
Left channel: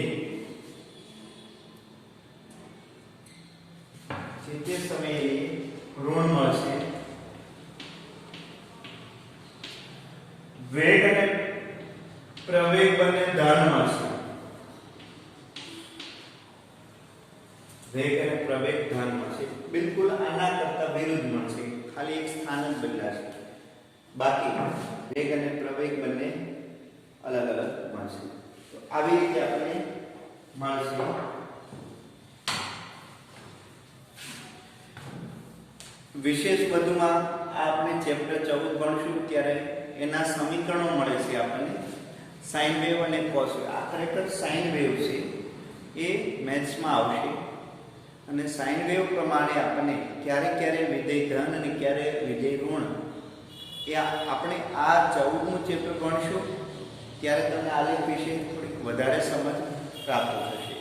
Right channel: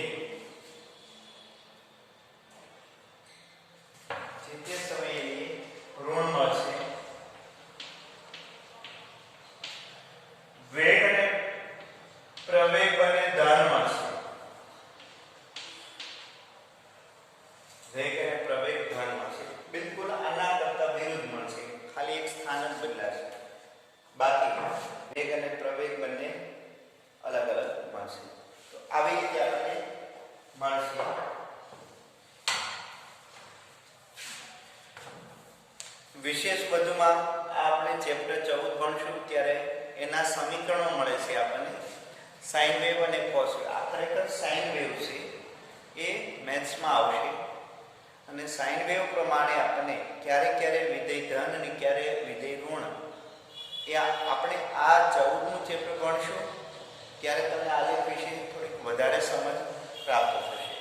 જે તે સમયે ઋણ મળશે. વેગ અને પ્રવેગ બંને ધન મળશે. વેગ અને પ્રવેગ ધન મળશે. બિલકુલ આના કરતા વિરુદ્ધ મળશે, ખાલી એક સ્થાન જ બદલાશે. બાકી વેગ અને પ્રવેગ બંને અલગ અલગ મળશે. તો આવી રીતે આપણને મળશે. વિશેષ વધુમાં આપણે ચેપ્ટર 14 ભણશું ત્યારે એના સમીકરણો મળે છે આપણને, સાઇન વેવ અને કોસ વેવ. આ ખરેખર સાઇન વેવ છે, એ મેથ્સમાં આવશે. અને સાઇન વેવ પ્રમાણે આપણને ક્યારે ક્યારે વિધેય ધન અને ક્યારે વિધેય ઋણ, એ આપણે આ 14મું ચેપ્ટર ભણશું ત્યારે તમને આલેખ વિશે થોડીક વધારે સમજ પ્રાપ્ત થશે.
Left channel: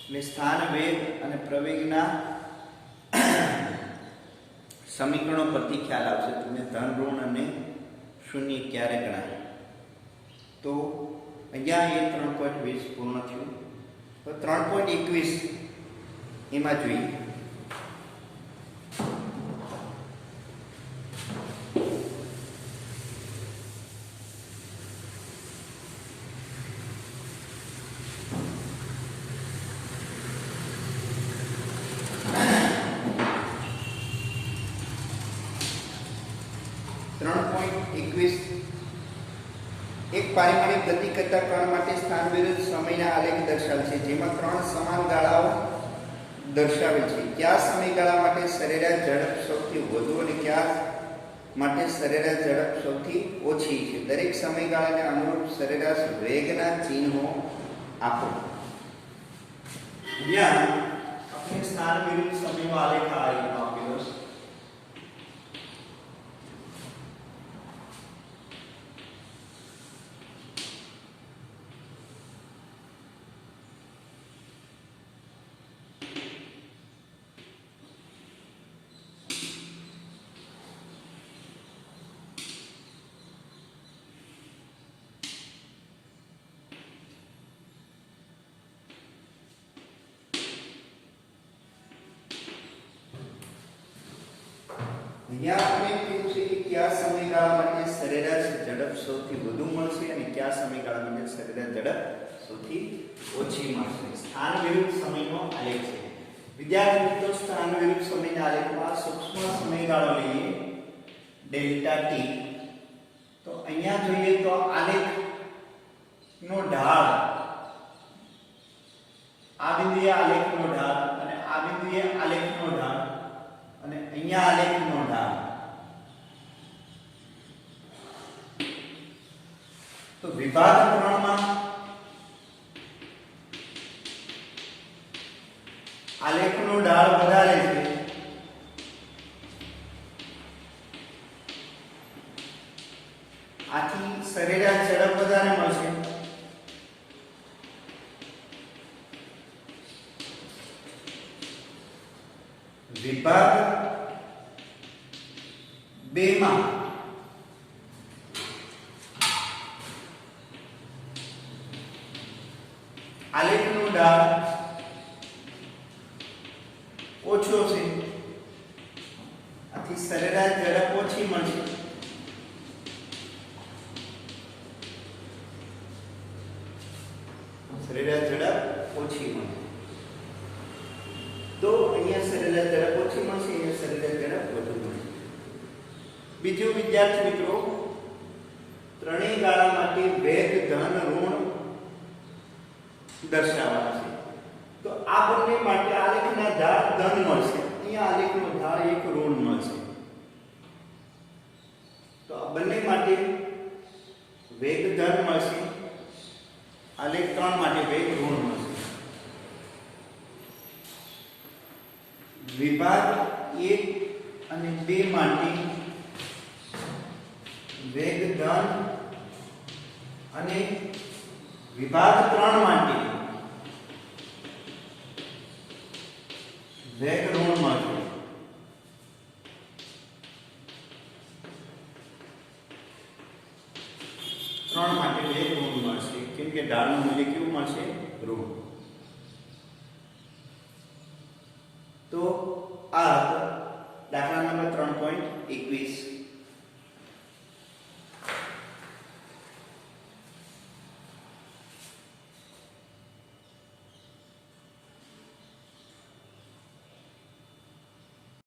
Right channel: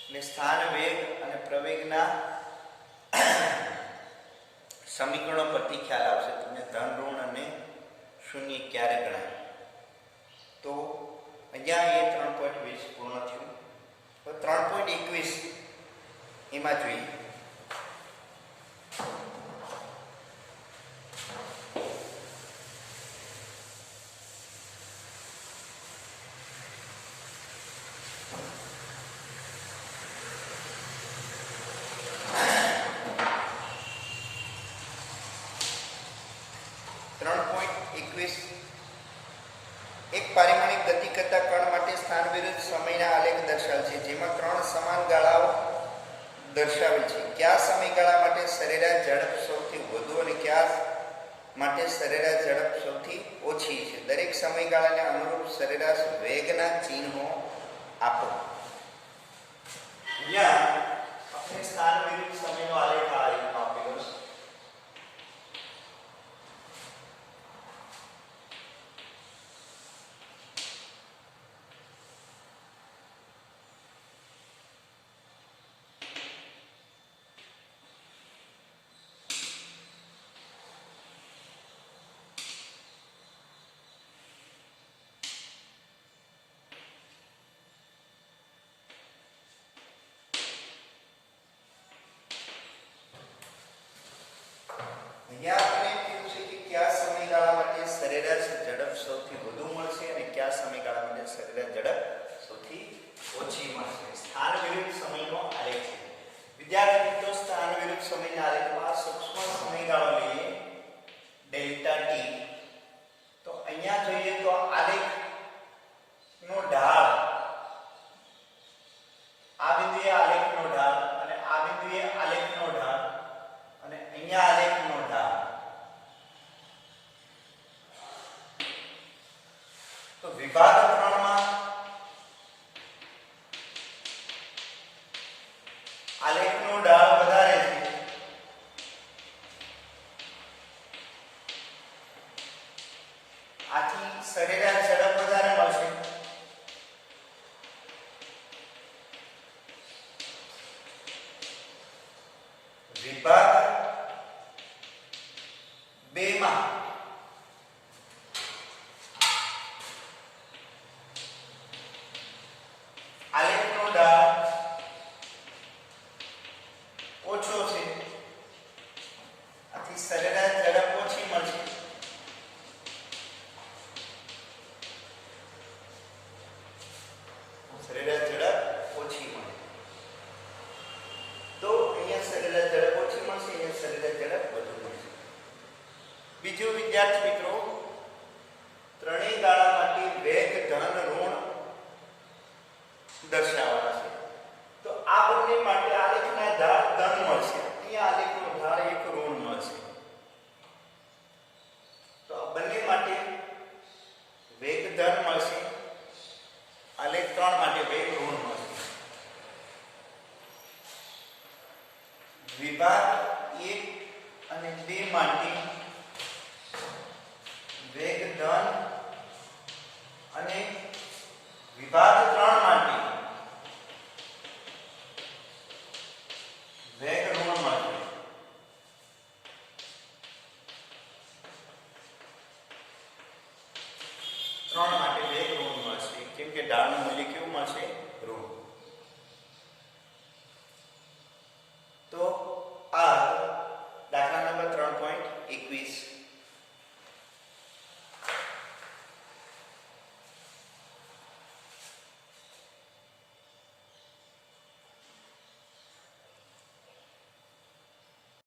એટલે સ્થાન વેગ અને પ્રવેગના સમીકરણો પરથી ખ્યાલ આવશે તમને ધન ઋણ અને શૂન્ય ક્યારે ગણાય. તો અહીંયા એ 3.20 પૂર્ણ થયું. તો 3.21 એમાં જોઈએ. એક પારિમાણિક ગતિ કરતા કણ માટે સ્થાન વિરુદ્ધ સમયના આલેખ દર્શાવે છે, જેમાં 3 સમાન ગાળાઓ દર્શાવે છે. કયા સમયગાળા માટે સરેરાશ ઝડપ સૌથી વધુ અને કયા માટે સરેરાશ ઝડપ સૌથી ઓછી છે? દરેક સમયગાળાને અનુરૂપ સરેરાશ વેગના ચિહ્નો આપો. અહીંયા આપણે સ્થાન વિરુદ્ધ સમયનો આલેખ આ રીતનો આપેલો છે. અહીંયા આપણે કીધું છે કે કયા સમયગાળા માટે સરેરાશ ઝડપ સૌથી વધુ મળશે અને કયા સમયગાળા માટે સરેરાશ ઝડપ સૌથી ઓછી મળશે. સ્થાન વિરુદ્ધ સમયનો આલેખ છે. વિદ્યાર્થી મિત્રો સ્થાન વિરુદ્ધ સમયના આલેખમાં સૂક્ષ્મ સમયગાળો લઈએ ડેલ્ટા ટી. તો અહીંયા જોઈએ તો આલેખ નો ઢાળ, આ બિંદુએ આલેખનો ઢાળ અને આ બિંદુએ આલેખનો ઢાળ અને અહીંયા આલેખનો ઢાળ. તો વિભાગ 3 માં આલેખનો ઢાળ વધારે છે, આથી સરેરાશ ઝડપ વધારે મળશે. વિભાગ 2 માં આલેખનો ઢાળ ઓછો છે, આથી સરેરાશ ઝડપ ઓછી મળશે. સરેરાશ ઝડપ ઓછી મળશે. તો અહીંયા સરેરાશ ઝડપ ઓછી મળશે, અહીંયા સરેરાશ ઝડપ વધુ મળશે. બીજું વિદ્યાર્થી મિત્રો, ત્રણેય ગાળા માટે વેગ ધન ઋણ દર્શાવવાના છે. તો આ બંને માટે આલેખના ઢાળ ધન મળશે, અહીંયા આલેખનો ઢાળ એક ઋણ મળશે. તો આ બંને માટે વેગ ધન મળશે, આલેખ 3 માટે વેગ ઋણ મળશે. વિભાગ 1 અને 2 માટે વેગ ધન અને વિભાગ 3 માટે વેગ ઋણ મળશે. ત્રણ માટે વેગ ઋણ મળશે, કેમ કે ઢાળનું મૂલ્ય કેવું મળશે? ઋણ. તો આ દાખલા નંબર 3.21